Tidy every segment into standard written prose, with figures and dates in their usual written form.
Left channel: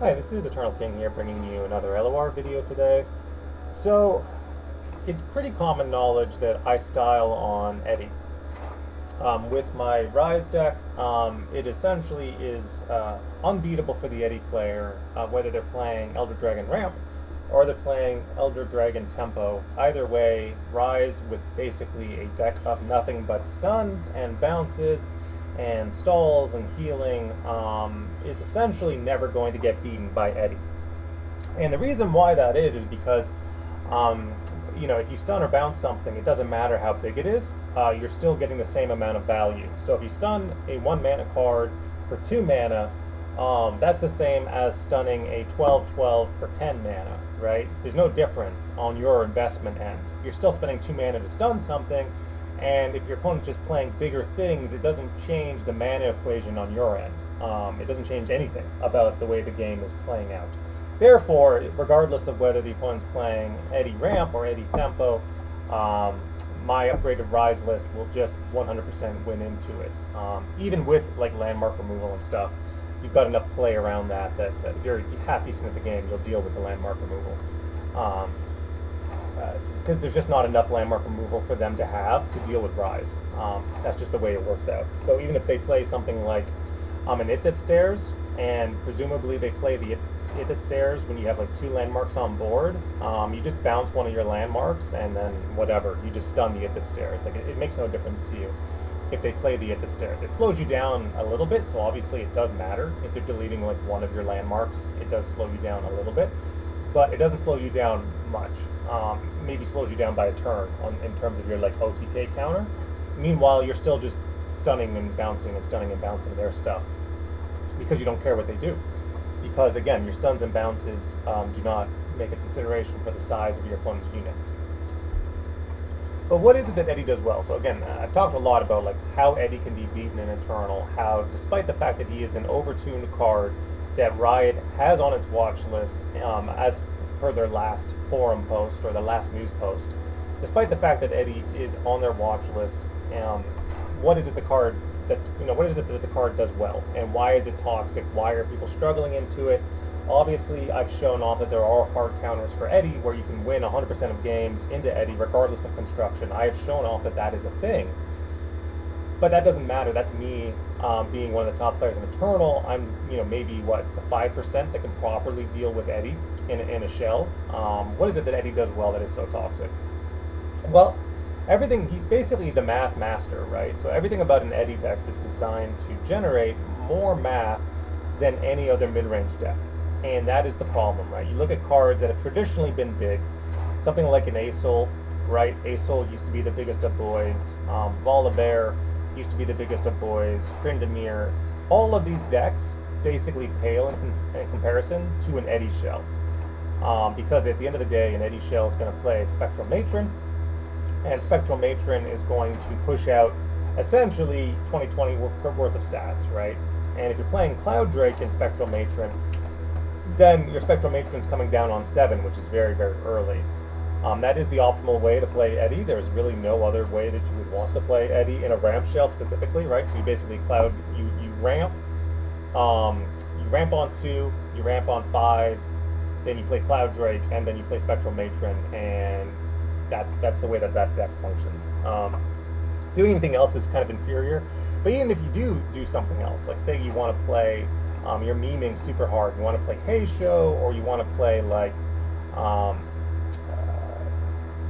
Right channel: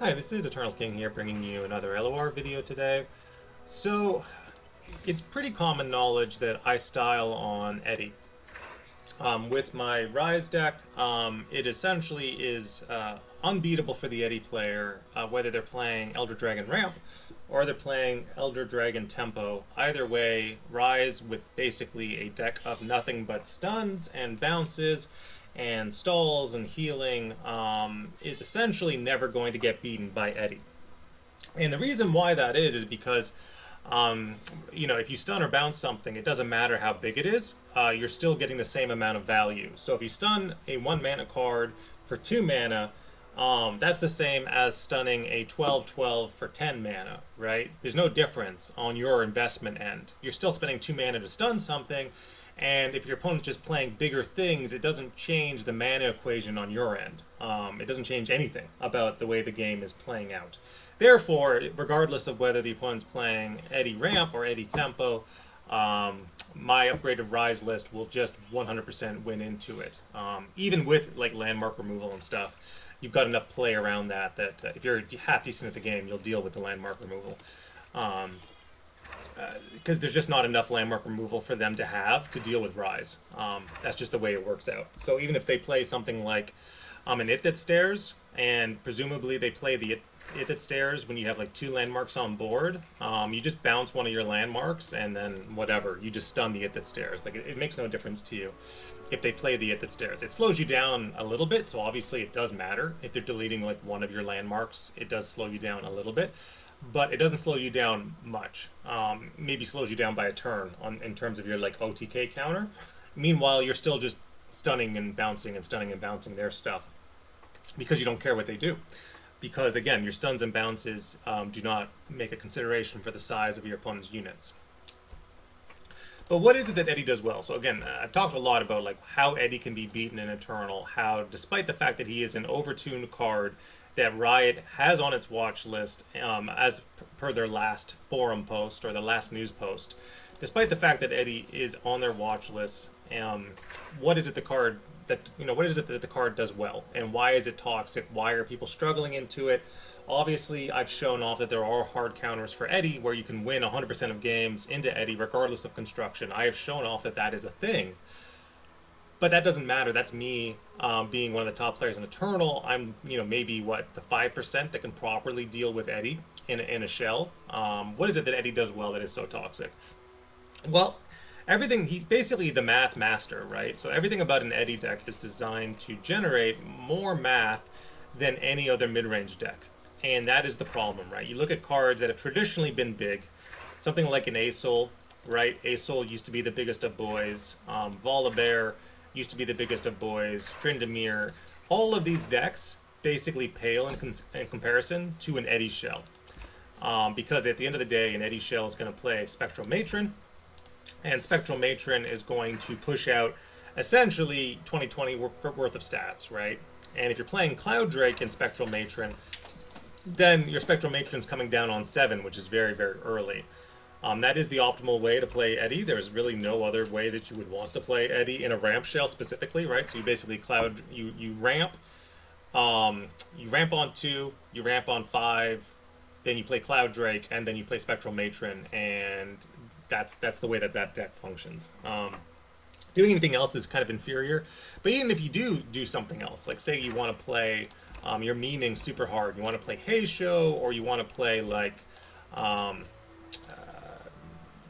Hi, this is Eternal King here, bringing you another LOR video today. So, it's pretty common knowledge that I style on Eddy. With my Rise deck, it essentially is unbeatable for the Eddy player, whether they're playing Elder Dragon Ramp or they're playing Elder Dragon Tempo. Either way, Rise with basically a deck of nothing but stuns and bounces and stalls and healing is essentially never going to get beaten by Eddy. And the reason why that is because um, if you stun or bounce something, it doesn't matter how big it is, you're still getting the same amount of value. So if you stun a 1 mana card for 2 mana, that's the same as stunning a 12/12 for 10 mana, right? There's no difference on your investment end. You're still spending 2 mana to stun something, and if your opponent's just playing bigger things, it doesn't change the mana equation on your end. It doesn't change anything about the way the game is playing out. Therefore, regardless of whether the opponent's playing Eddy Ramp or Eddy Tempo, my upgraded Rise list will just 100% win into it. Even with like landmark removal and stuff, you've got enough play around that if you're half decent at the game, you'll deal with the landmark removal. Because there's just not enough landmark removal for them to have to deal with Rise. That's just the way it works out. So even if they play something like an It That Stares, and presumably they play the It That Stares when you have like 2 landmarks on board, you just bounce one of your landmarks and then whatever, you just stun the It That Stares. Like it makes no difference to you if they play the It That Stares. It slows you down a little bit, so obviously it does matter. If they're deleting like one of your landmarks, it does slow you down a little bit, but it doesn't slow you down much. Maybe slows you down by a turn in terms of your like OTK counter. Meanwhile, you're still just stunning and bouncing their stuff because you don't care what they do. Because again, your stuns and bounces do not make a consideration for the size of your opponent's units. But what is it that Eddy does well? So again, I've talked a lot about like how Eddy can be beaten in Eternal, how despite the fact that he is an overtuned card that Riot has on its watch list, as per their last forum post or the last news post, despite the fact that Eddy is on their watch list, what is it the card what is it that the card does well, and why is it toxic? Why are people struggling into it? Obviously, I've shown off that there are hard counters for Eddy where you can win 100% of games into Eddy regardless of construction. I have shown off that that is a thing. But that doesn't matter. That's me being one of the top players in Eternal. I'm, maybe the 5% that can properly deal with Eddy in a shell. What is it that Eddy does well that is so toxic? Well, everything, he's basically the math master, right? So everything about an Eddy deck is designed to generate more math than any other mid-range deck. And that is the problem, right? You look at cards that have traditionally been big, something like an Asol, right? Asol used to be the biggest of boys. Volibear used to be the biggest of boys. Tryndamere. All of these decks basically pale in comparison to an Eddy shell. Because at the end of the day, an Eddy shell is going to play Spectral Matron, and Spectral Matron is going to push out essentially 2020 worth of stats, right? And if you're playing Cloud Drake in Spectral Matron, then your Spectral Matron's coming down on 7, which is very, very early. That is the optimal way to play Eddy. There's really no other way that you would want to play Eddy in a ramp shell specifically, right? So you basically you ramp on 2, you ramp on 5, then you play Cloud Drake, and then you play Spectral Matron, and that's the way that deck functions. Doing anything else is kind of inferior, but even if you do something else, like say you want to play, you're memeing super hard, you want to play Hey Show, or you want to play like,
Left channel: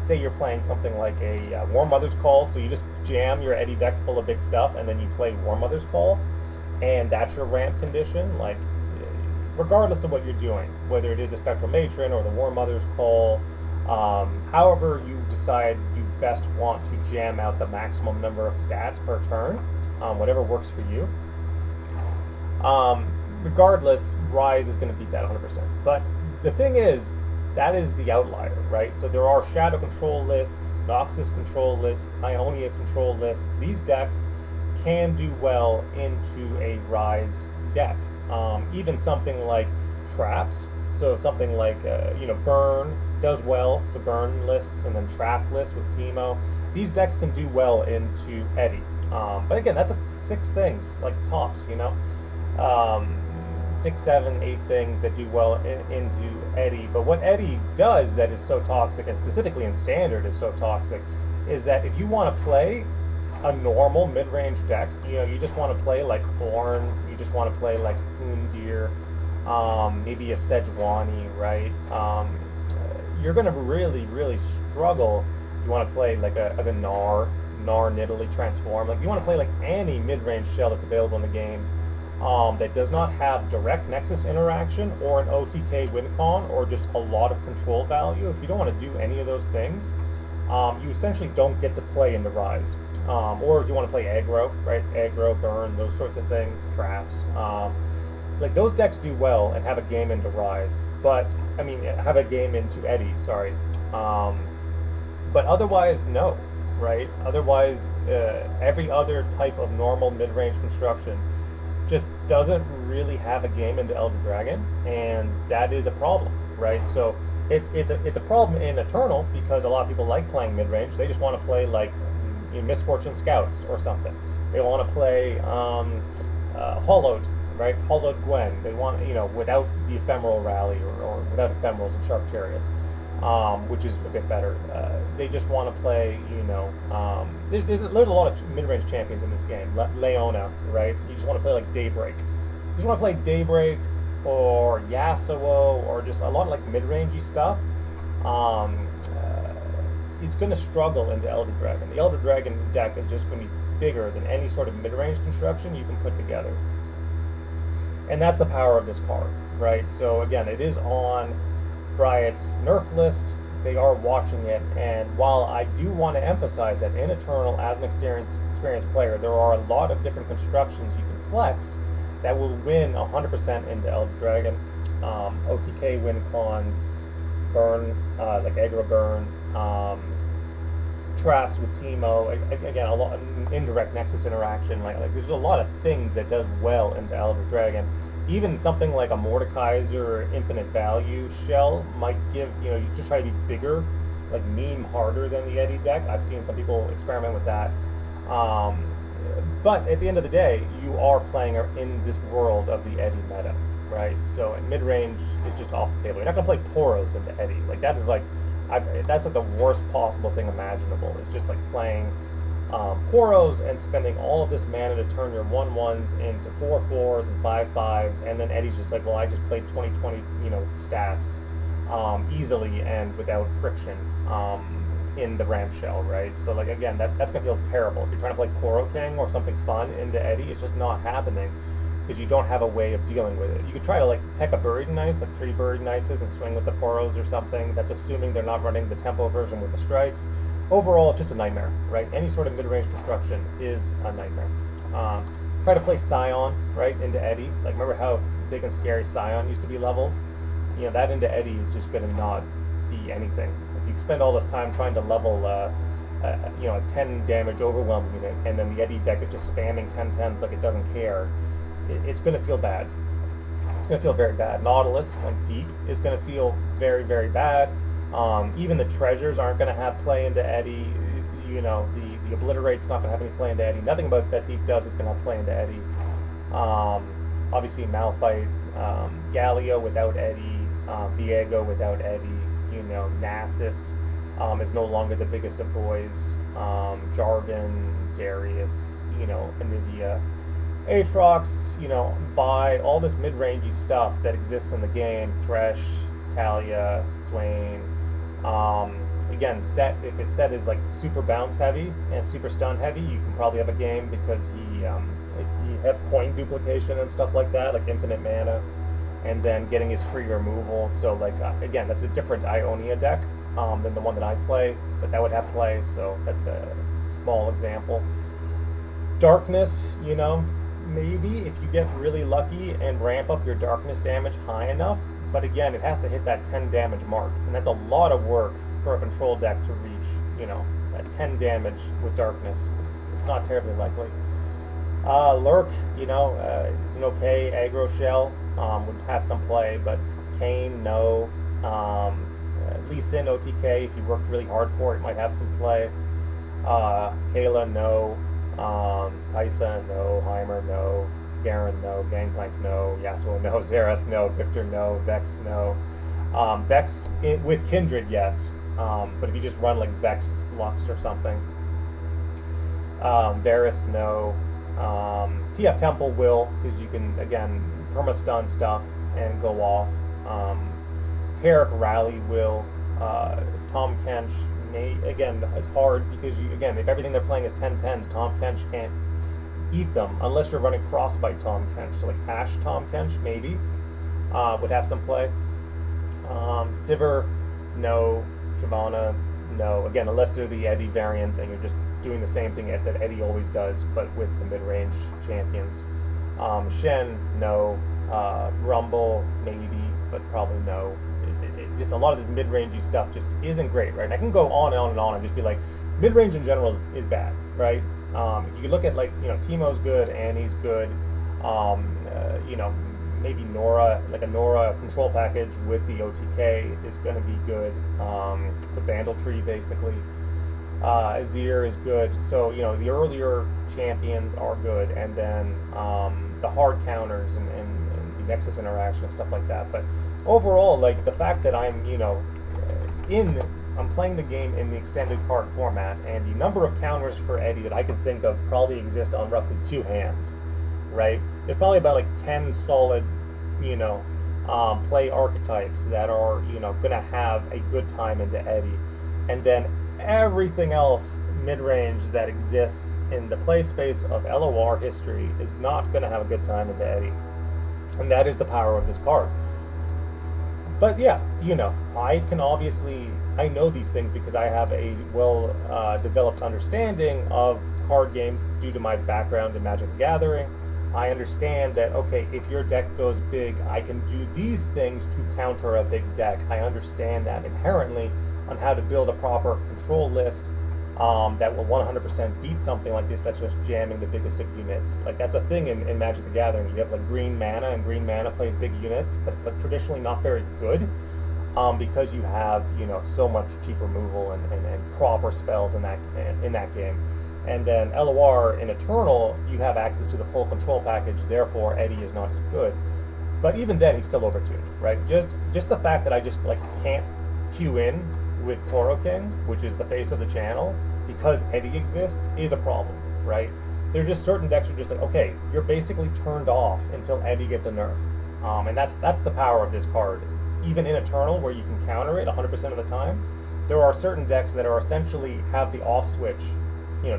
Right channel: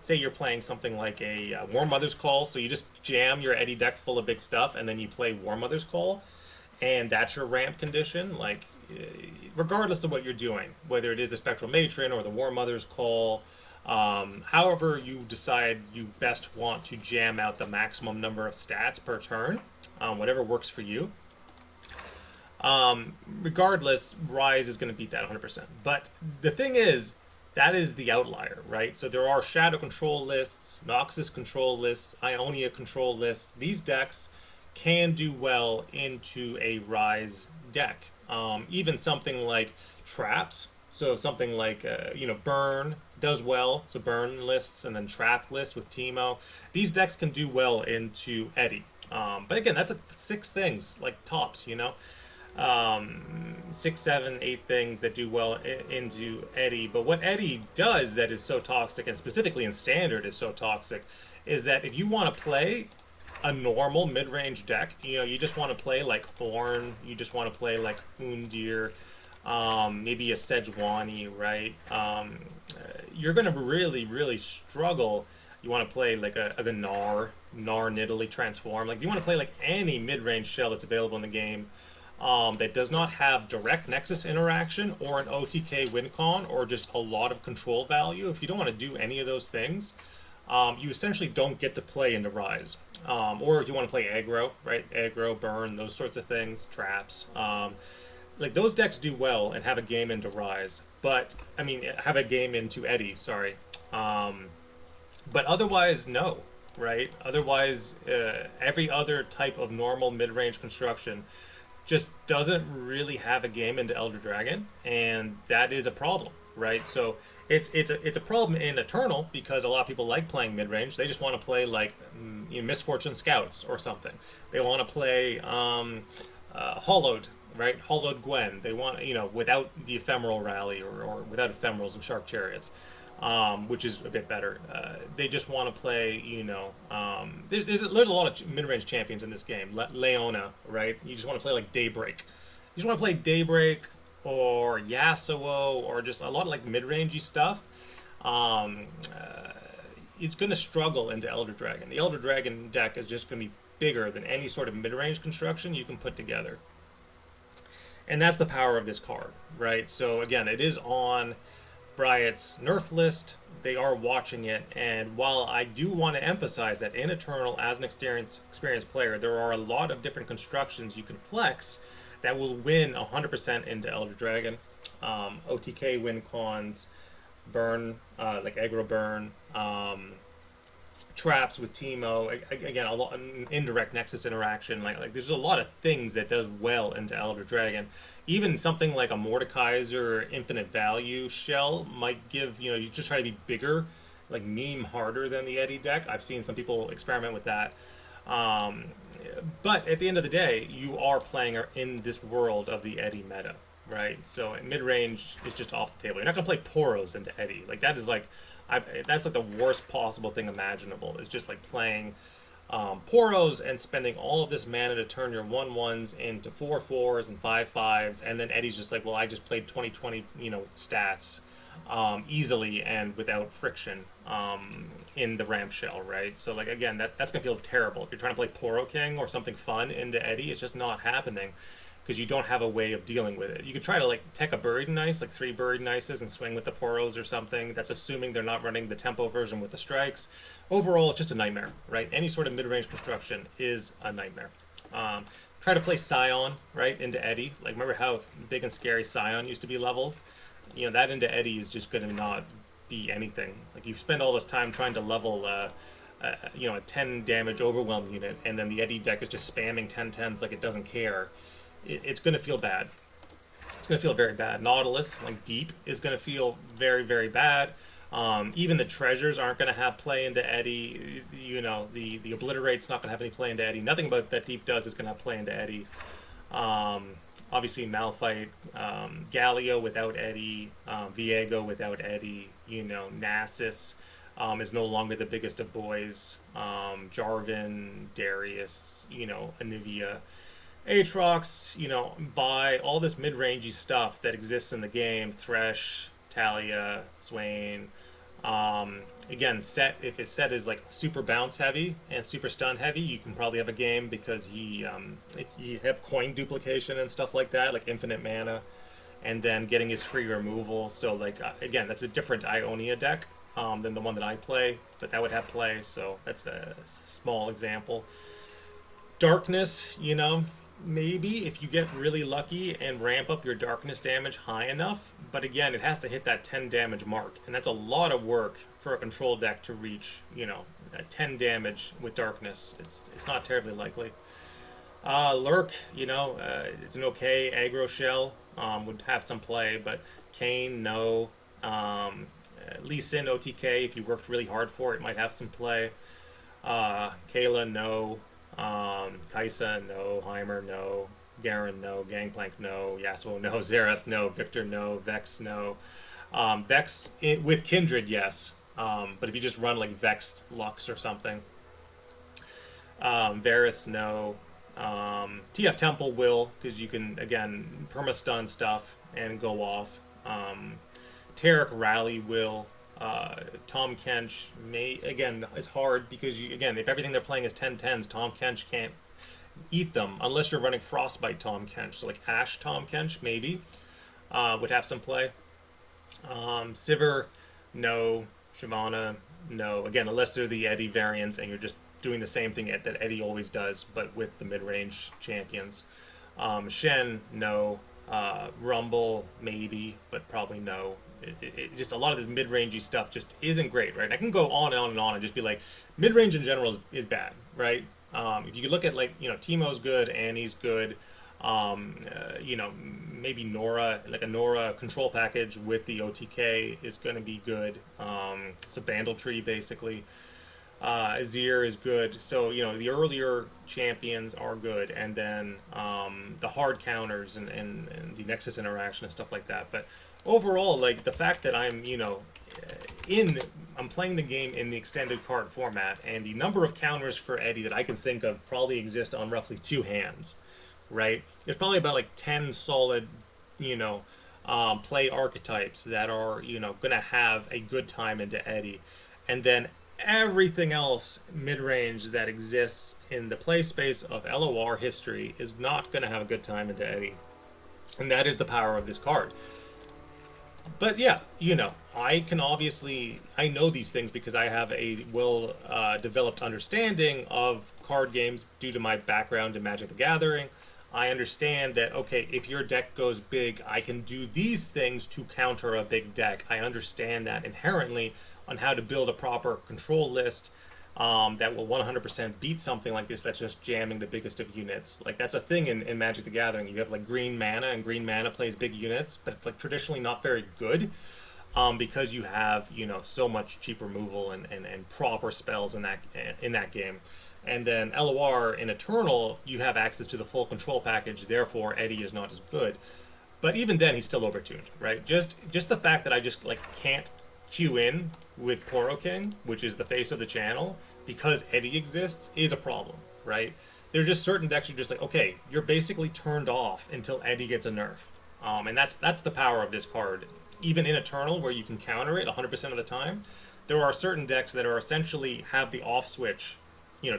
say you're playing something like a War Mother's Call, so you just jam your Eddy deck full of big stuff, and then you play War Mother's Call, and that's your ramp condition, like, regardless of what you're doing, whether it is the Spectral Matron or the War Mother's Call, however you decide you best want to jam out the maximum number of stats per turn, whatever works for you. Regardless, Rise is going to beat that 100%. But the thing is, that is the outlier, right? So there are Shadow control lists, Noxus control lists, Ionia control lists. These decks can do well into a Rise deck. Even something like Traps, so something like, Burn does well, so Burn lists and then Trap lists with Teemo. These decks can do well into Eddy. But again, that's 6 things, like tops, 6, 7, 8 things that do well into Eddy. But what Eddy does that is so toxic, and specifically in Standard is so toxic, is that if you want to play a normal mid-range deck, you just want to play like Ornn, you just want to play like Undir, maybe a Sejuani, right? You're going to really, really struggle. You want to play like a Gnar Nidalee Transform. Like you want to play like any mid-range shell that's available in the game that does not have direct Nexus interaction or an OTK win con or just a lot of control value. If you don't want to do any of those things, you essentially don't get to play into Rise. Or if you want to play aggro, right? Aggro, burn, those sorts of things, traps. Like those decks do well and have a game into Rise, but I mean, have a game into Eddy, sorry. But otherwise, no, right? Otherwise, every other type of normal mid-range construction just doesn't really have a game into Elder Dragon, and that is a problem, right? So it's a problem in Eternal because a lot of people like playing mid-range. They just want to play like Misfortune Scouts or something. They want to play Hollowed, right? Hollowed Gwen. They want, without the Ephemeral Rally or without Ephemerals and Shark Chariots, which is a bit better. They just want to play, there's a lot of mid-range champions in this game. Leona, right? You just want to play like Daybreak. You just want to play Daybreak or Yasuo or just a lot of like mid-rangey stuff. It's going to struggle into Elder Dragon. The Elder Dragon deck is just going to be bigger than any sort of mid-range construction you can put together. And that's the power of this card, right? So again, it is on Bryet's nerf list. They are watching it, and while I do want to emphasize that in Eternal, as an experienced player, there are a lot of different constructions you can flex that will win 100% into Elder Dragon. OTK win cons, burn, like aggro burn, traps with Teemo, again, a lot indirect Nexus interaction, like there's a lot of things that does well into Elder Dragon. Even something like a Mordekaiser Infinite Value shell might give, you just try to be bigger, like meme harder than the Eddy deck. I've seen some people experiment with that. But at the end of the day, you are playing in this world of the Eddy meta, right? So mid-range is just off the table. You're not going to play Poros into Eddy. Like that is like, that's like the worst possible thing imaginable. It's just like playing Poros and spending all of this mana to turn your 1/1s into 4/4s and 5/5s, and then Eddy's just like, well, I just played 20/20, stats easily and without friction in the Ram Shell, right? So like again, that's gonna feel terrible. If you're trying to play Poro King or something fun into Eddy, it's just not happening because you don't have a way of dealing with it. You could try to like tech a Buried in Ice, like 3 Buried in Ices, and swing with the Poros or something. That's assuming they're not running the tempo version with the strikes. Overall, it's just a nightmare, right? Any sort of mid-range construction is a nightmare. Try to play Scion, right, into Eddy. Like remember how big and scary Scion used to be leveled? That into Eddy is just going to not be anything. Like you spend all this time trying to level a 10 damage overwhelm unit, and then the Eddy deck is just spamming 10/10s like it doesn't care. It's going to feel bad. It's going to feel very bad. Nautilus, like deep, is going to feel very, very bad. Even the treasures aren't going to have play into Eddy. The Obliterate's not going to have any play into Eddy. Nothing about that deep does is going to have play into Eddy. Obviously, Malphite, Galio without Eddy, Viego without Eddy. Nasus is no longer the biggest of boys. Jarvan, Darius, Anivia. Aatrox, buy all this mid-rangey stuff that exists in the game. Thresh, Talia, Swain. Again, if his set is like super bounce heavy and super stun heavy, you can probably have a game because if you have coin duplication and stuff like that, like infinite mana, and then getting his free removal. So like again, that's a different Ionia deck than the one that I play, but that would have play. So that's a small example. Darkness, maybe if you get really lucky and ramp up your darkness damage high enough, but again, it has to hit that 10 damage mark, and that's a lot of work for a control deck to reach, that 10 damage with darkness. It's not terribly likely. Lurk, it's an okay aggro shell, would have some play, but Kayn, no. Lee Sin OTK, if you worked really hard for it, might have some play. Kayla, no. Kaisa, no. Heimer, no. Garen, no. Gangplank, no. Yasuo, no. Xerath, no. Victor, no. Vex, no. Vex with Kindred, yes. But if you just run like Vex Lux or something. Varus, no. TF Temple will, because you can, again, perma-stun stuff and go off. Tarek Rally will. Tom Kench may, again, it's hard because, again, if everything they're playing is 10-10s, Tom Kench can't eat them unless you're running Frostbite Tom Kench. So, like, Ash Tom Kench, maybe, would have some play. Sivir, no. Shyvana, no. Again, unless they're the Eddy variants and you're just doing the same thing that Eddy always does, but with the mid-range champions. Shen, no. Rumble, maybe, but probably no. Just a lot of this mid-rangey stuff just isn't great, right? And I can go on and on and on and just be like, mid-range in general is bad, right? If you look at, like, Teemo's good, Annie's good, maybe Nora, like a Nora control package with the OTK is going to be good. It's a Bandle tree, basically. Azir is good. So, the earlier champions are good. And then the hard counters and the Nexus interaction and stuff like that. But overall, like, the fact that I'm playing the game in the extended card format, and the number of counters for Eddy that I can think of probably exist on roughly 2 hands, right? There's probably about like 10 solid, play archetypes that are, going to have a good time into Eddy. And then everything else mid-range that exists in the play space of LOR history is not going to have a good time into Eddy. And that is the power of this card. But yeah, I know these things because I have a well-developed understanding of card games due to my background in Magic the Gathering. I understand that, okay, if your deck goes big, I can do these things to counter a big deck. I understand that inherently on how to build a proper control list that will 100% beat something like this that's just jamming the biggest of units. Like, that's a thing in Magic the Gathering. You have like green mana, and green mana plays big units, but it's like traditionally not very good because you have, so much cheap removal and proper spells in that game. And then LOR in Eternal, you have access to the full control package, therefore Eddy is not as good. But even then, he's still overtuned, right? Just the fact that I just can't queue in with Poro King, which is the face of the channel, because Eddy exists, is a problem, right? There are just certain decks you're just like, okay, you're basically turned off until Eddy gets a nerf. And that's the power of this card. Even in Eternal, where you can counter it 100% of the time, there are certain decks that are essentially have the off switch,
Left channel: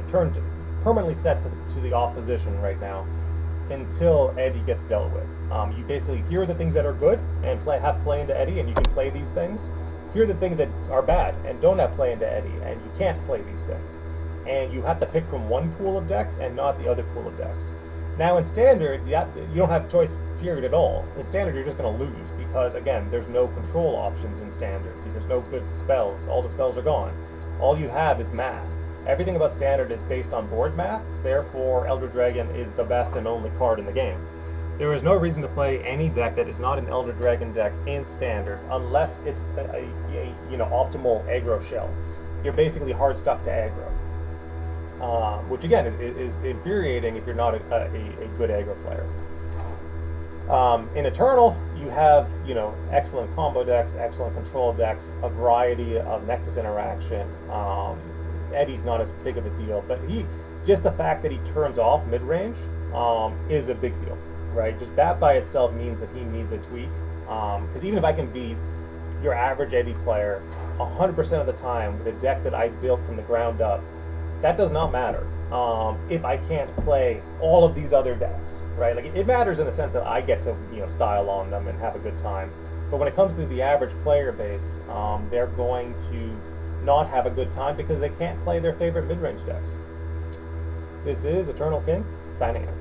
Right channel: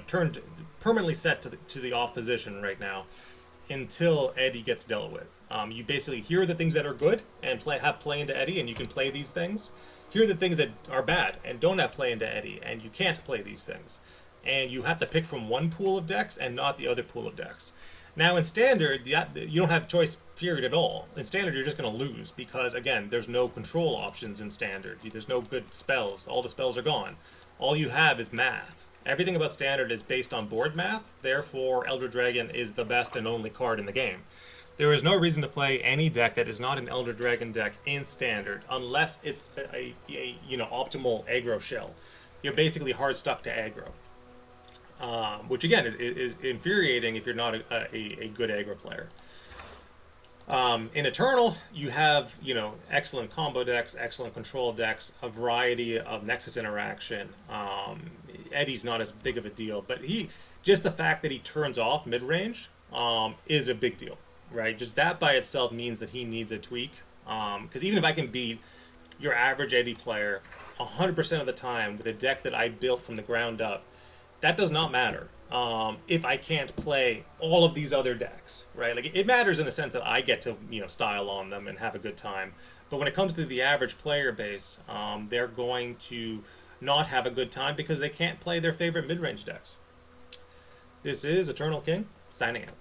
turned permanently set to the off position right now until Eddy gets dealt with. You basically hear the things that are good and have play into Eddy, and you can play these things. Here are the things that are bad and don't have play into Eddy, and you can't play these things. And you have to pick from one pool of decks and not the other pool of decks. Now in Standard, you don't have choice period at all. In Standard, you're just going to lose because, again, there's no control options in Standard. There's no good spells. All the spells are gone. All you have is math. Everything about Standard is based on board math, therefore Elder Dragon is the best and only card in the game. There is no reason to play any deck that is not an Elder Dragon deck in Standard unless it's a optimal aggro shell. You're basically hard stuck to aggro, which again is infuriating if you're not a good aggro player. In Eternal, you have excellent combo decks, excellent control decks, a variety of Nexus interaction. Eddy's not as big of a deal, but just the fact that he turns off mid-range is a big deal. Right, just that by itself means that he needs a tweak. Because even if I can beat your average Eddy player 100% of the time with a deck that I built from the ground up, that does not matter if I can't play all of these other decks, right? Like, it matters in the sense that I get to style on them and have a good time. But when it comes to the average player base, they're going to not have a good time because they can't play their favorite mid-range decks. This is Eternal King signing out.